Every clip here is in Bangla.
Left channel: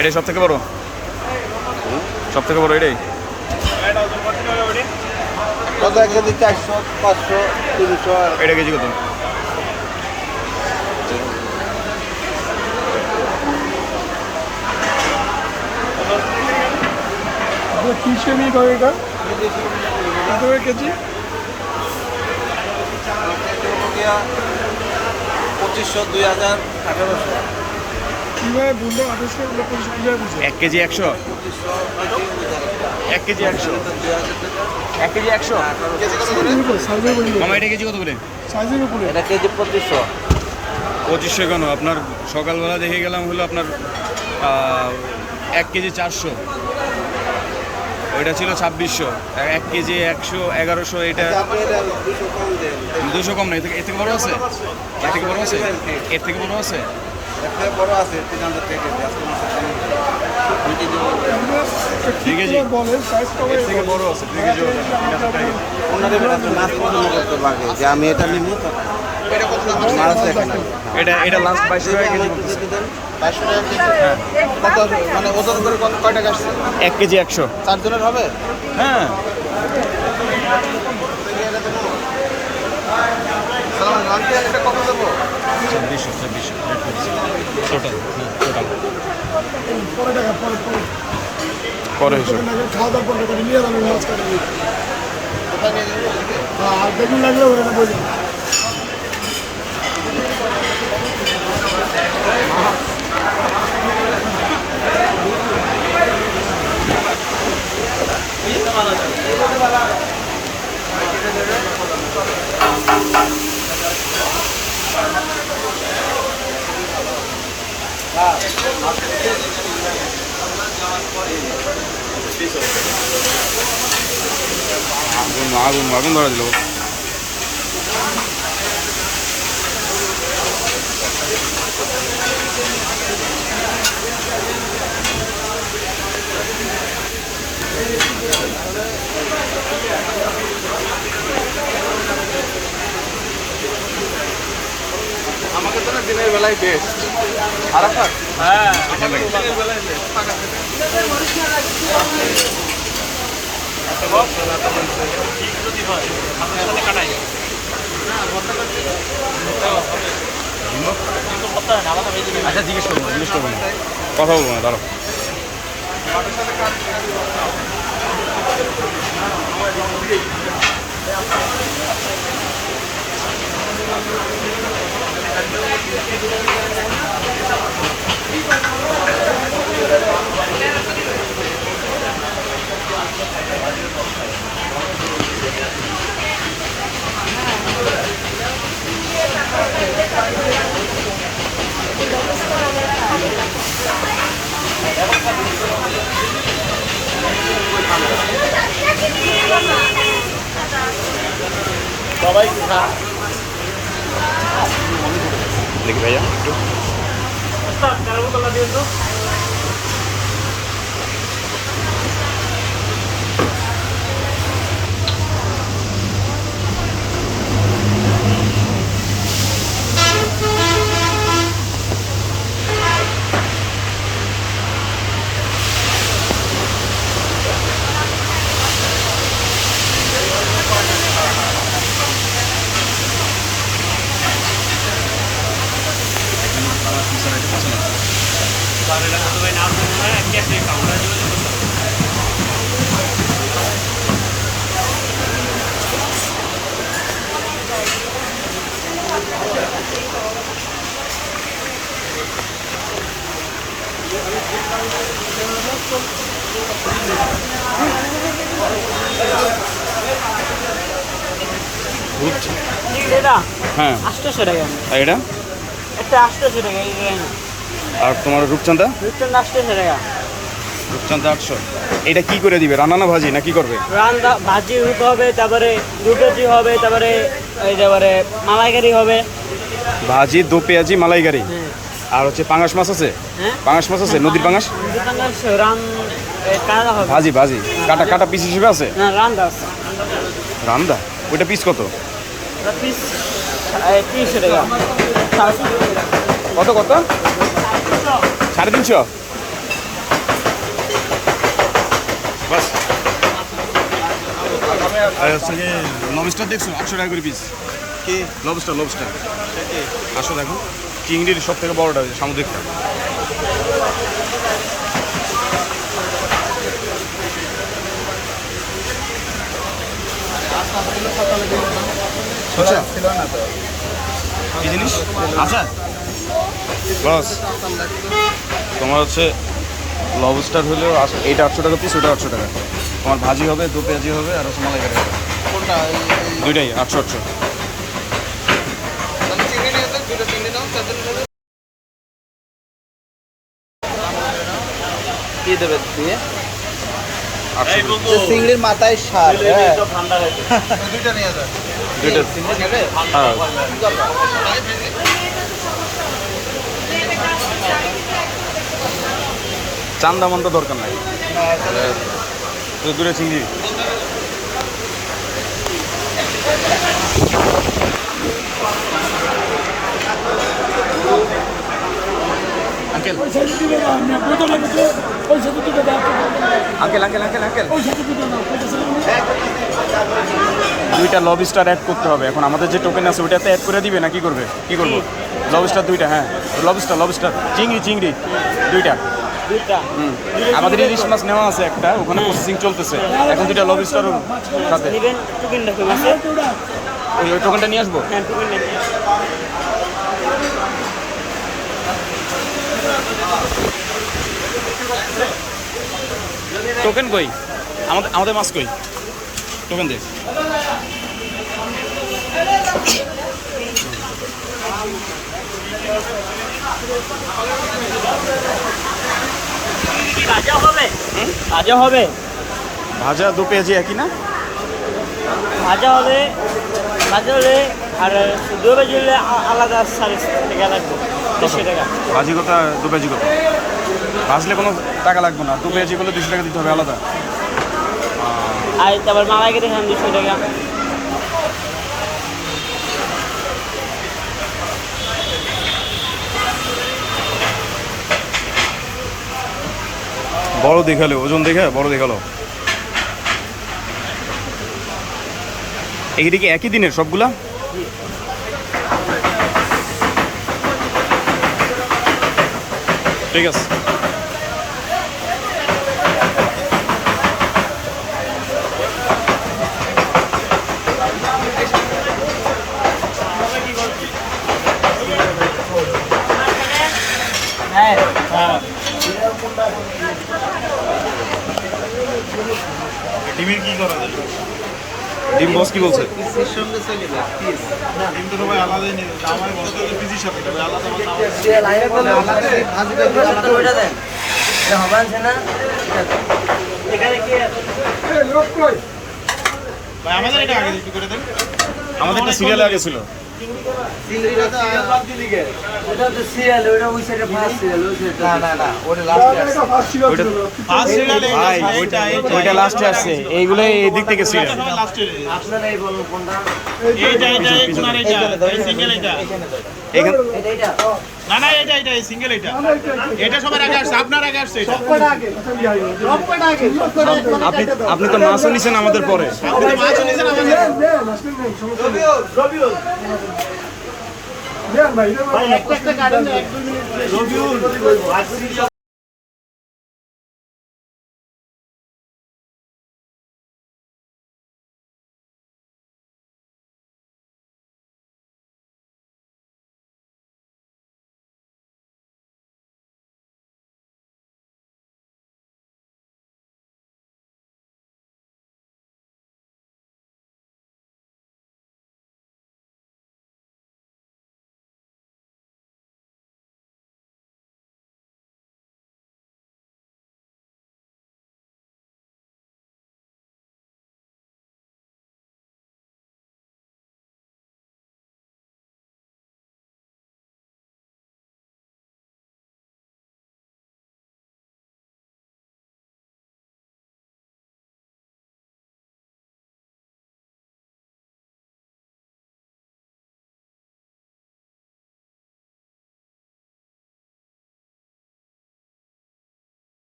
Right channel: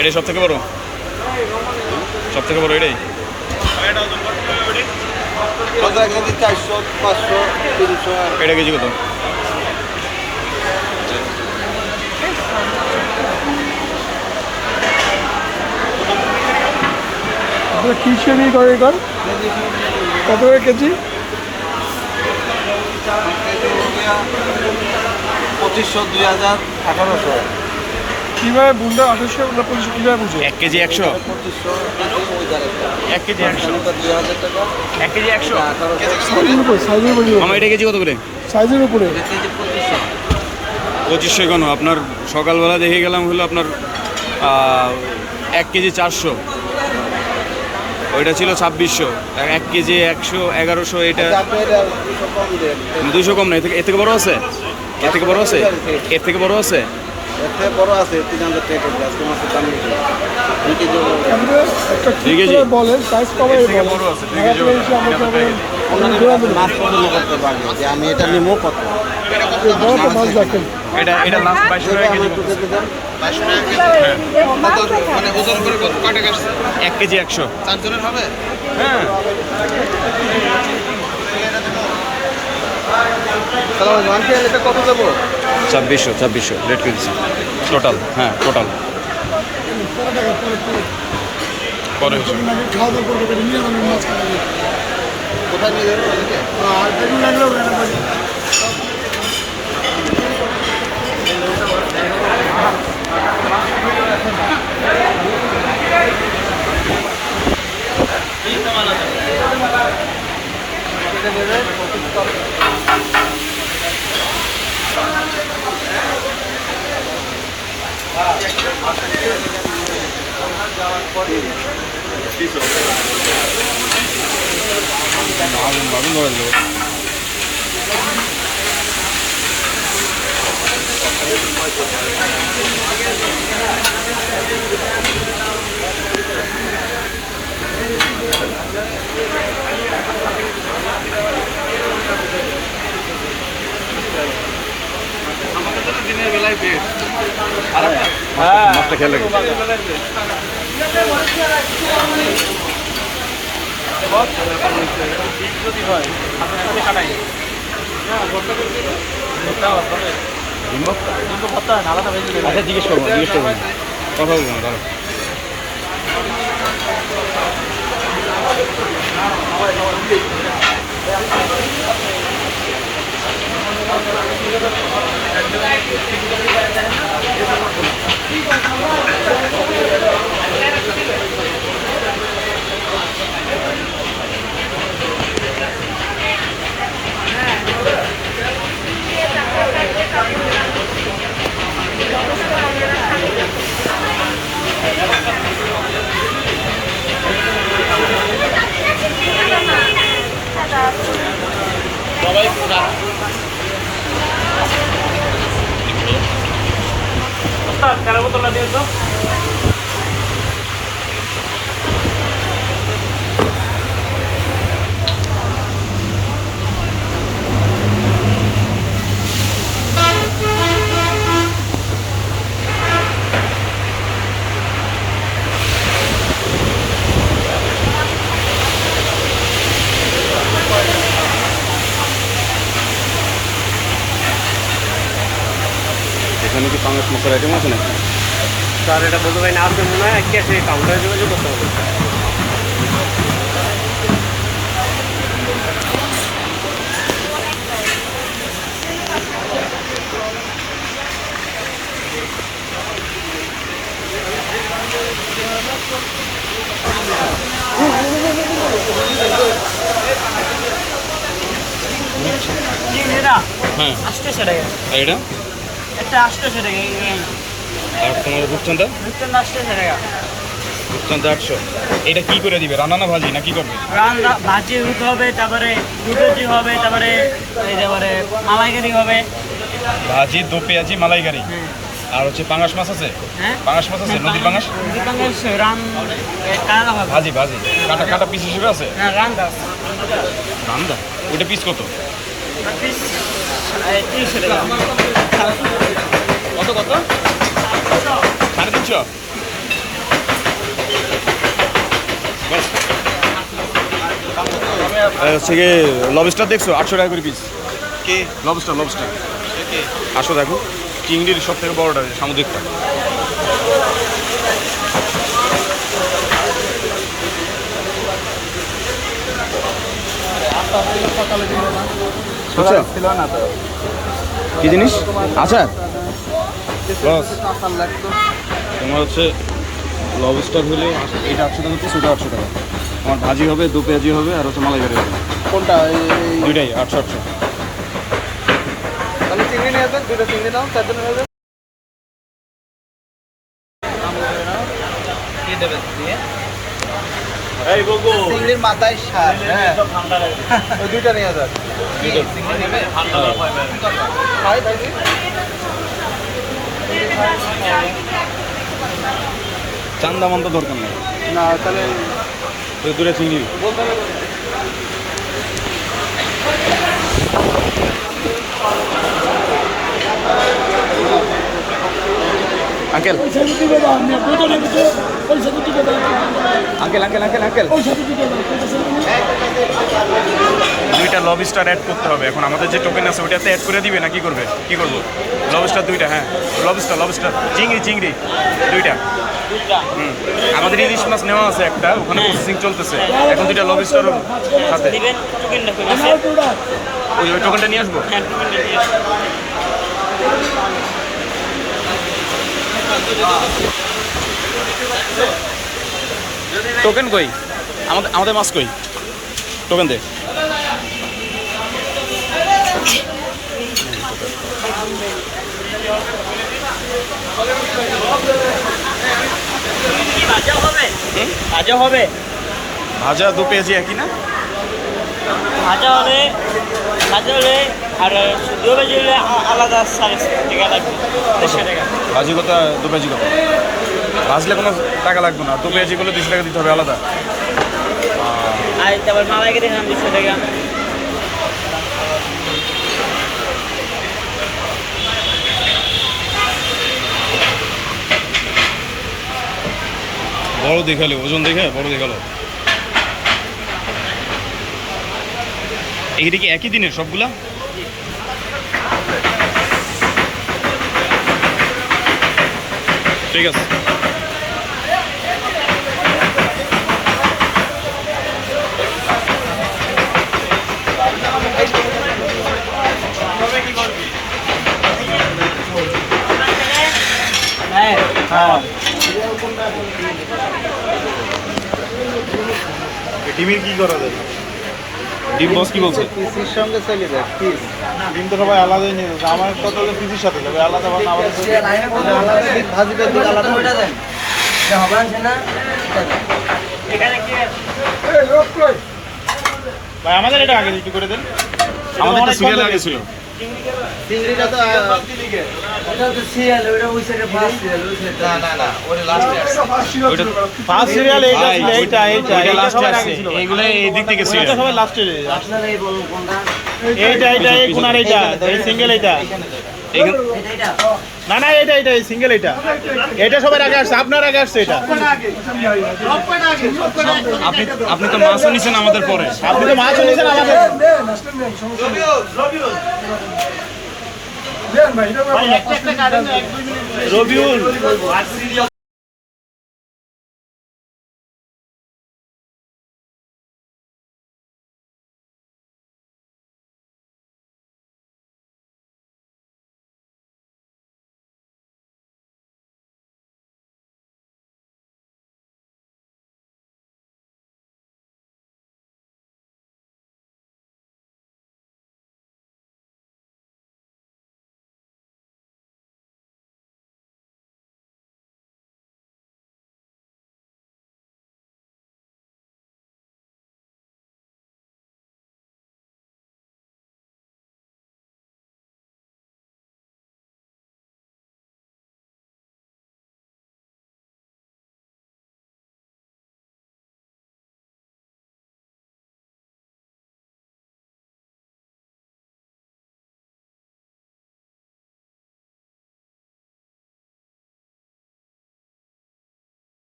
এটাই সব থেকে বড়, সব থেকে বড় এটাই। কেজি 400, 500, 300। এটা কেজি কত? আপনার কি শ্রেণী করে এটা? কত কেজি? 2500, 2000, 1800। কীভাবে বুনটা 1800 না 2500 কীভাবে বুঝে? 1 কেজি 100, 2500 কেজি ওই জায়গাটা। 1 কেজি 100, 2000 টাকা। 1 কেজি 100। সাইজের উপরে, সাইজের উপরে, মামা এটা কেজি কত করে? সাইজের উপরে। এটা কেজি 2500। 2500 কেন? আপনার সকালবেলা দেখে গেলাম হলো আপনার 1 কেজি 400, ওইটা ছিল 2600। 1 কেজি 100, 1100। এটা আপনি এটা 200 কম দেন। 200 কম না, এর থেকে বড় আছে? এর থেকে বড় আছে? এর থেকে বড় আছে? একটা বড় আছে 3000 টাকা কেজি। আজকে মাসে দাম নিতে 2 কেজি বড়। একটা দুই কেজি? বলেন সাইজ কমাই। এর থেকে বড় আছে 2 কেজি, 3000 টাকা কেজি। ওনাদের আপনি মাছ পছন্দ করতে পারবে যে আমি এটা নিবো কত। মাছ দেখেন। এটা লাস্ট 2200 টাকা কেজি বলতেছে। হ্যাঁ, মানে ওজন করে কয় টাকা আসছে? 1 কেজি 100। 4 জনের হবে? হ্যাঁ, 2600 রেট কেজি টোটাল। হ্যাঁ, টোটাল পরে হিসেবে। খাওয়া দাওয়া করতে নিয়ে যাবেন মাছ খাবেন। কোথায় নিয়ে যাবো? আর দেখুন লাগলেও এটা দেখুন। আগুন ধরে দিল। মাছটা খেয়াল রাখি। আচ্ছা, জিজ্ঞেস করবো কথা বলবো না, দাঁড়া। দেখি ভাইয়া, এখানে কি পাঙাশ মশলার আইটেম আছে নাকি? স্যার এটা বলতে পারি না, আপনি মনে হয় কি আছে কাউন্টারে যোগাযোগ করতে হবে। এটা হ্যাঁ, 800 টাকা, আর এটা? একটা 800 টাকা, আর তোমার রূপচাঁদা? রুটেন 800 টাকা। রূপচাঁদা 800। এটা কি করে দিবে? রান্না না ভাজি না কি করবে? রান্না ভাজি হতে হবে, তারপরে রুটি হবে, তারপরে ওই তারপরে মালাইকারি হবে। ভাজি, দো পেঁয়াজি, মালাইকারি। আর হচ্ছে পাঙাশ মাছ আছে? হ্যাঁ, পাঙাশ মাছ আছে, নদীর পাঙাশ? নদীর পাঙ্গাস কালা হবে। ভাজি ভাজি, কাটা কাটা পিস হিসেবে আছে? হ্যাঁ, রান্দা রান্দা? ওইটা পিস কত? পিস 300 টাকা। কত কত? 350? বাস হচ্ছে গিয়ে লবস্টার দেখছো 800 টাকা করে পিস। কি লবস্টার আসো দেখো, চিংড়ির সব থেকে বড়টা সামুদ্রিকটা। বুঝছো কি জিনিস? আচ্ছা বস, তোমার হচ্ছে লবস্টার হলেও এইটা 800 টাকা পিস, ওটা 800 টাকা। তোমার ভাজি হবে, 2 পেঁয়াজি হবে, আর হচ্ছে মালাইকারি হবে। কোনটা? দুইটাই 800। তাহলে চিংড়ি নিয়ে যান, দুটো চিংড়ি নাও, চারজন নিয়ে যান। কি দেবে দিয়ে? চিংড়ির মাথায় সার, ওই দুইটা নিয়ে যান। দুইটা হ্যাঁ। ভাই ভাই চান্দা মান্দা দরকার নাই, না তাহলে ওই দুটো চিংড়ি। আঙ্কেল ওই সাইডে দিবে না, আমি বুঝতে না কিছু, ওই সাইডে দিবে না, আঙ্কেল আঙ্কেল আঙ্কেল আঙ্কেল ওই সাইডে দিবে না, ওই সাইডে দুইটা লবস্টার অ্যাড করতে হবে। এখন আমাদের যে টোকেন আছে ওইটাতে অ্যাড করে দিবে না কি করবে? কি করবো? লবস্টার দুইটা, হ্যাঁ লবস্টার চিংড়ি দুইটা। আমাদের ইলিশ মাছ নেওয়া আছে একটা, ওখানে প্রসেসিং চলতেছে। এখন দুইটা লবস্টার সাথে নেবেন টোকেনটা করে আমার তো ওটা ওই টোকেনটা নিয়ে আসবো। হ্যাঁ টোকেনটা নিয়ে আসুন। টোকেন কই? আমাদের মাছ কই? টোকেন দে। ভাজা হবে? ভাজা হবে? ভাজা 2 পেঁয়াজি একই না? ভাজা হলে আর শুদ্ধ ভাজি হলে আলাদা 4.5 টাকা লাগবে, 200 টাকা। ভাজি কত, 2 পেঁয়াজি কত? ভাজলে কোনো টাকা লাগবে না, 2 পেঁয়াজি করলে 200 টাকা দিতে হবে আলাদা। আর তারপর মালাইকারি খান 200 টাকা। বড় দেখালে, ওজন দেখে বড় দেখালো। এইটা কি একই দিনের সবগুলা? ঠিক আছে। ডিমের কি করা যায়? ডিম বস কি বলছে? পিসির সঙ্গে চলে যায় পিস। ডিম তো সবাই আলাদাই নিয়ে যাচ্ছে। আমার কথা তো পিসির সাথে তবে আলাদা বা না আলাদা। ভাজিটা দুটো আলাদা করে দেন। এখানে কি এই লোক কই? ভাই আমাদের এটা আগে ডিউটি করে দেন। আমাদেরটা সিরিয়ালে আগে ছিল। চিংড়িটা তো না ওটা লাস্টে আসছে। ওইটা ফার্স্ট সিরিয়াল ভাই ওইটা লাস্টে আসছে, এইগুলো এই দিক থেকে সিরিয়াল। সবাই লাস্টে। আপনারাই বলুন কোনটা? এইটা এই কোনার এইটা, এই সিঙ্গেল এইটা। এইখান না না এটা এই সিঙ্গেল এইটা। এটা সবার আগে আসছে, আপনার আগে আসছে এটা। আপনি আপনি তো মাছও নিছেন আমাদের পরে। আপনি তো মাছ এনেছেন আমার সাথে। দেন, আসলে নেই, সমস্যা নেই। দেন ভাই, এটা ভাই একটা কাটেন 1-2 মিনিট। রবিউল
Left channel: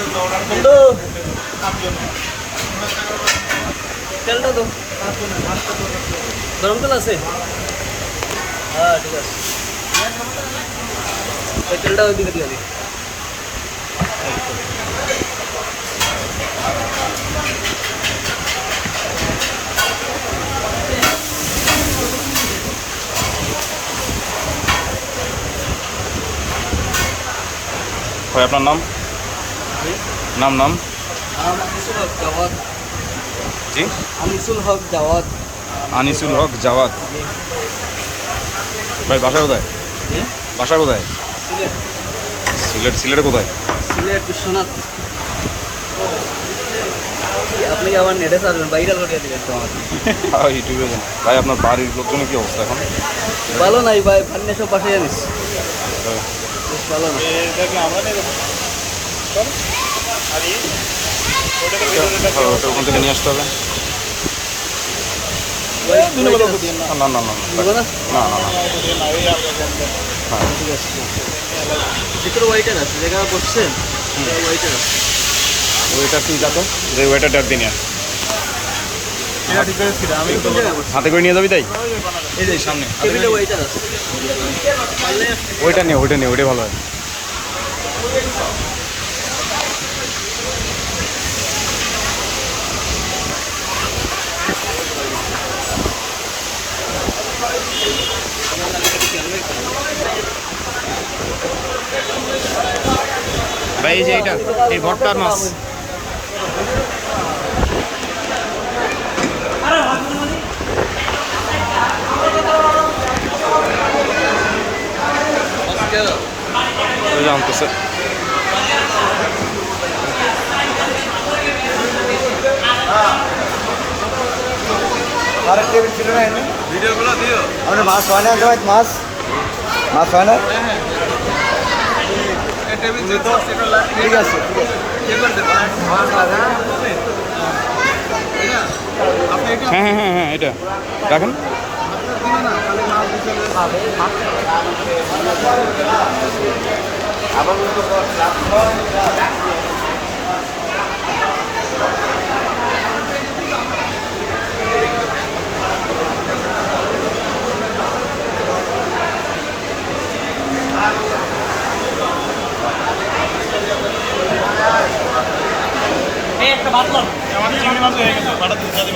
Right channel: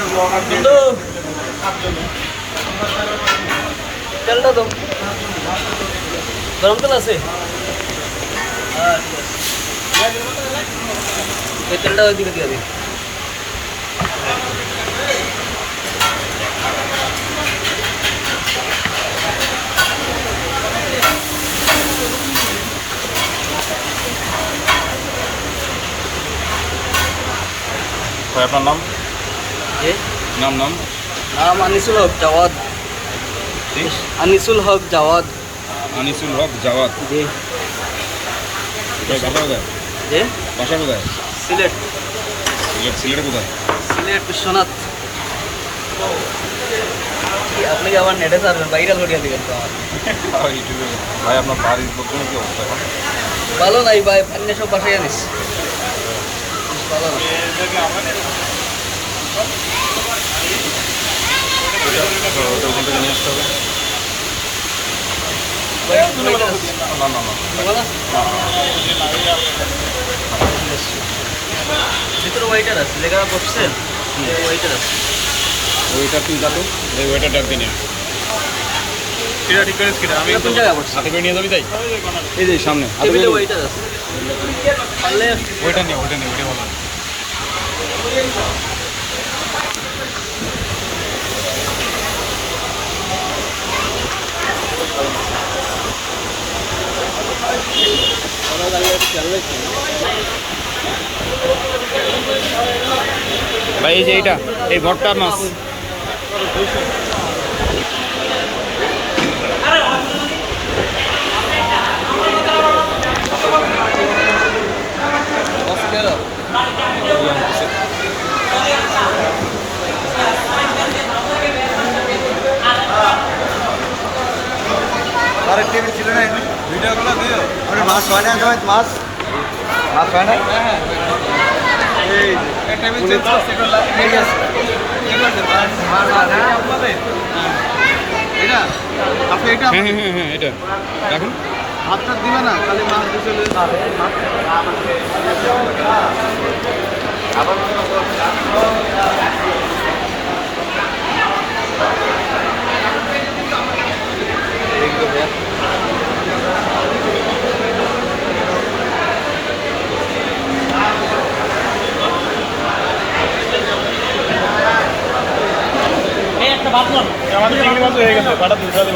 কিন্তু তেলটা তো গরম তেল আছে এই তেলটা ওই দিকে দিয়ে দেবো ভাই আপনার নাম জি নাম নাম আনিসুল হক জাওয়াদ জি আনিসুল হক জাওয়াদ আনিসুল হক জাওয়াত। জি ভাই বাসা কোথায়? জি বাসা কোথায়? সিলেট সিলেটে কোথায়? সিলেট বিশ্বনাথ আপনি কি আবার নেটে সারবেন ভাইরাল করে দিবেন তো আমার ভাই আপনার বাড়ির লোকজনের কি অবস্থা এখন? ভালো নাই ভাই পান্নে সব বাসায় আনিস বেশ ভালো না ওটা ওখান থেকে নিয়ে আসতে হবে। না না না নেবো না না না ভিতরে ওয়েটার আছে জায়গা বসছেন ওয়েটার আছে ওইটার তুই যাতো যে ওইটার ডাক দিয়ে নিয়ে আস। এটা ঠিক করে ছিল আমি এটা কোন জায়গায় বসছে হাতে করে নিয়ে যাবি তাই? এই যে সামনে হাতে করে টেবিলে নিয়ে- ওয়েটার আছে পারলে ওইটা নিয়ে ওইটাই ভালো হয়। ভাই এই যে এইটা এই ভট্টার মাছ জানতেছে হ্যাঁ হ্যাঁ হ্যাঁ হ্যাঁ এটা রাখেন। হাতটা দিবে না খালি মাছ দিয়ে চলে আমাদের চিংড়ি মাছ হয়ে গেছে বাড়া দিতে হবে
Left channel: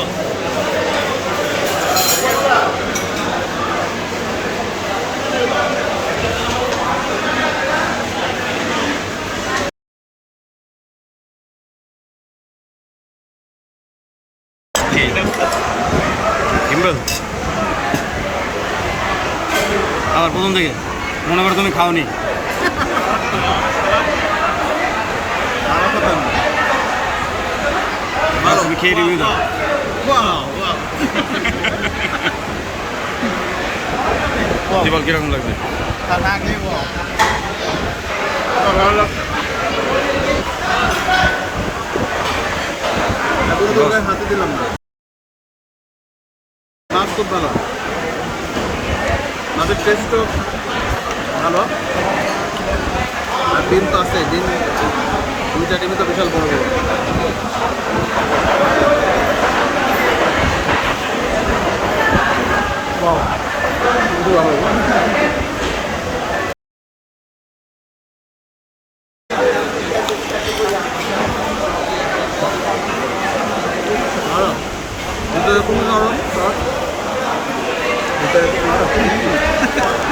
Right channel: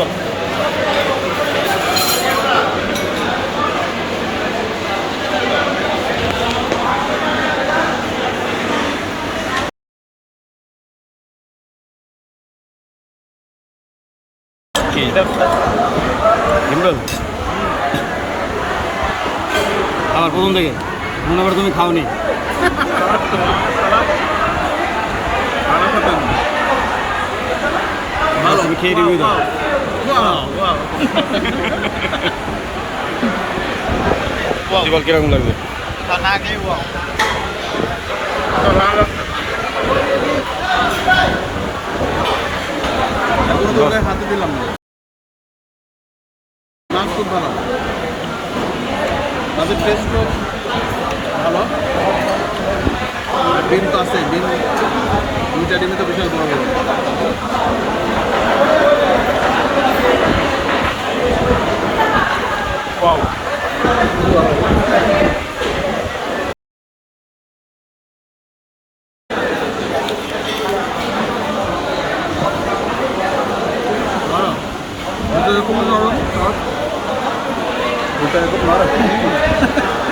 কি গিম্বল আবার প্রথম থেকে মনে করো তুমি খাওনি। আরো কত ভালো তুমি খেয়ে রিভিউ দাও। জীবল কিরকম লাগবে? না খেয়ে কোনো দোকানে হাতে দিলাম না। মাছ খুব ভালো, মাছের টেস্টও ভালো, আর ডিম তো আছে, ডিম দুইটা ডিমই তো বিশাল বড় বড়। ওয়াও ভালো, ভিতরে খুবই নরম, ভিতরে খুব নরম।